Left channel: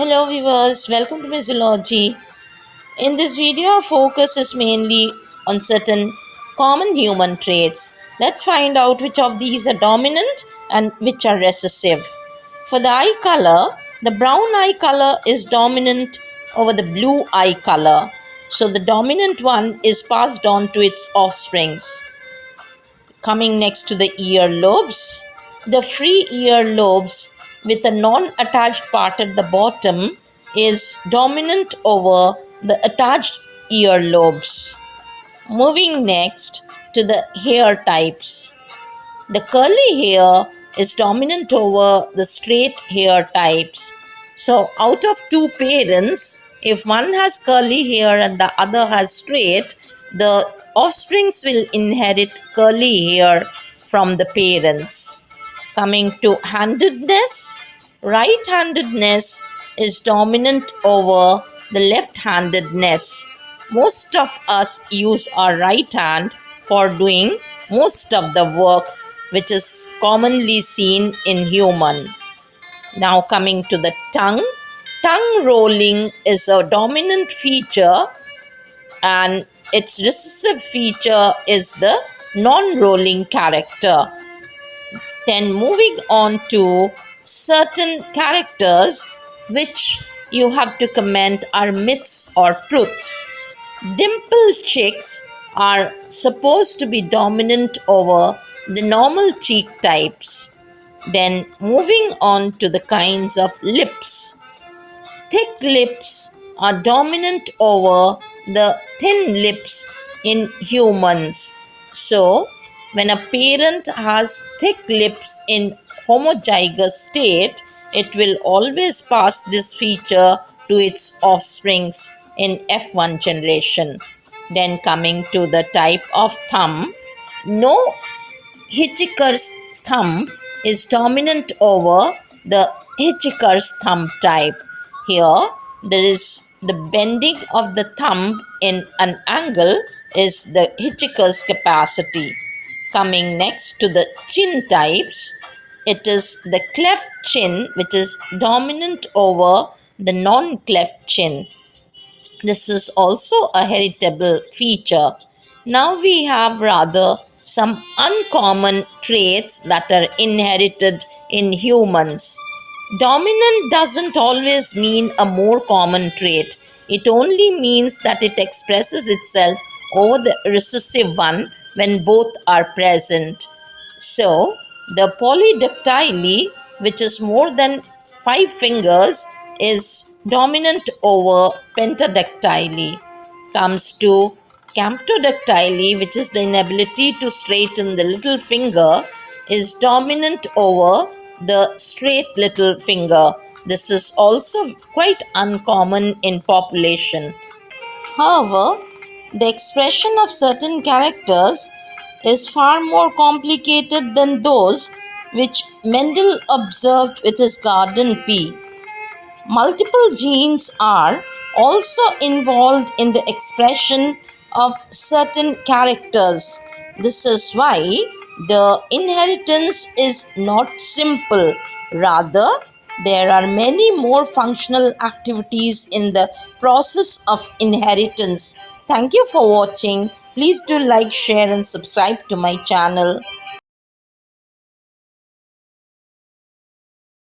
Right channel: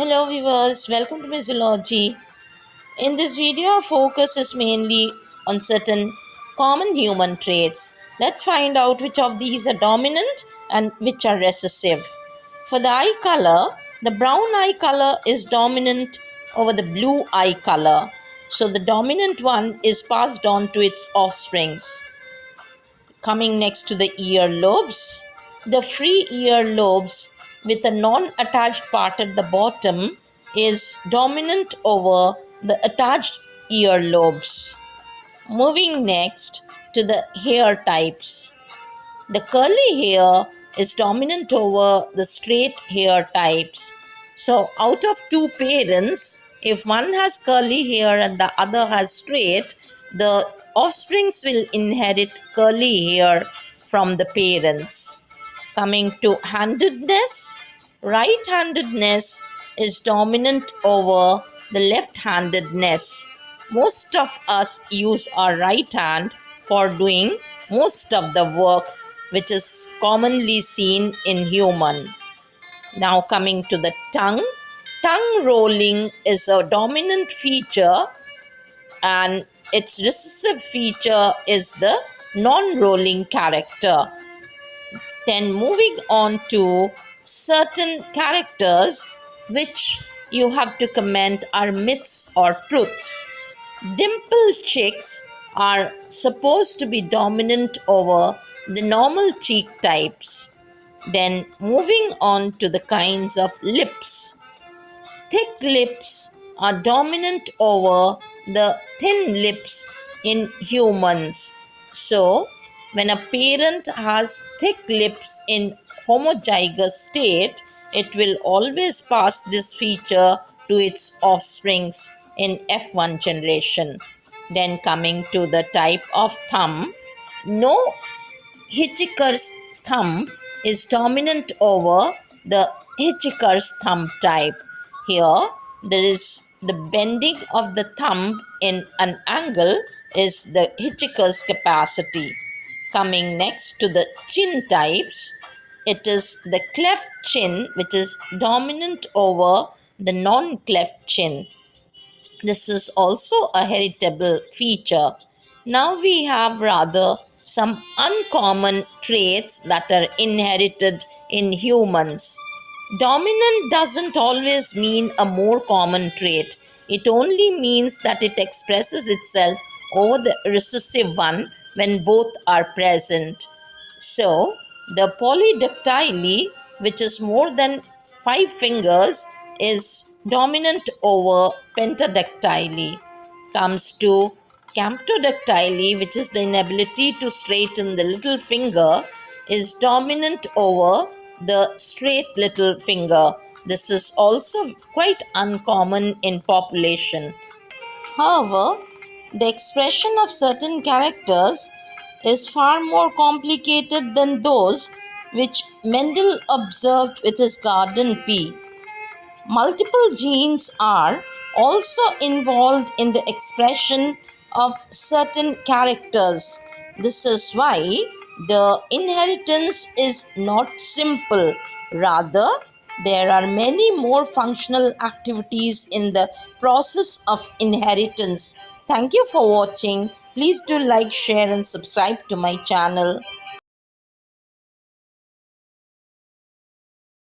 Hello viewers, welcome to Physiology. In this video, our focus is mainly on certain common human traits. Let's find out which of these are dominant and which are recessive. For the eye color, the brown eye color is dominant over the blue eye color. So the dominant one is passed on to its offsprings. Coming next to the ear lobes, the free ear lobes with a non-attached part at the bottom is dominant over the attached ear lobes. Moving next to the hair types. The curly hair is dominant over the straight hair types. So, out of two parents, if one has curly hair and the other has straight, the offsprings will inherit curly hair from the parents. Coming to handedness, right handedness is dominant over the left handedness. Most of us use our right hand for doing most of the work, which is commonly seen in human. Now coming to the tongue rolling is a dominant feature and its recessive feature is the non-rolling character. Then moving on to certain characters which you have to comment are myths or truth. Dimple chicks are supposed to be dominant over the normal cheek types. Then moving on to the kinds of lips. Thick lips are dominant over the thin lips in humans. So, when a parent has thick lips in homozygous state, it will always pass this feature to its offsprings in F1 generation. Then coming to the type of thumb, no Hitchhiker's thumb is dominant over the Hitchhiker's thumb type. Here, there is the bending of the thumb in an angle is the Hitchhiker's capacity. Coming next to the chin types, it is the cleft chin which is dominant over the non-cleft chin. This is also a heritable feature. Now we have rather some uncommon traits that are inherited in humans. Dominant doesn't always mean a more common trait. It only means that it expresses itself over the recessive one when both are present. So, the polydactyly, which is more than 5 fingers, is dominant over pentadactyly. Comes to camptodactyly, which is the inability to straighten the little finger, is dominant over the straight little finger. This is also quite uncommon in population. However, the expression of certain characters is far more complicated than those which Mendel observed with his garden pea. Multiple genes are also involved in the expression of certain characters. This is why the inheritance is not simple. Rather, there are many more functional activities in the process of inheritance. Thank you for watching. Please do like, share, and subscribe to my channel.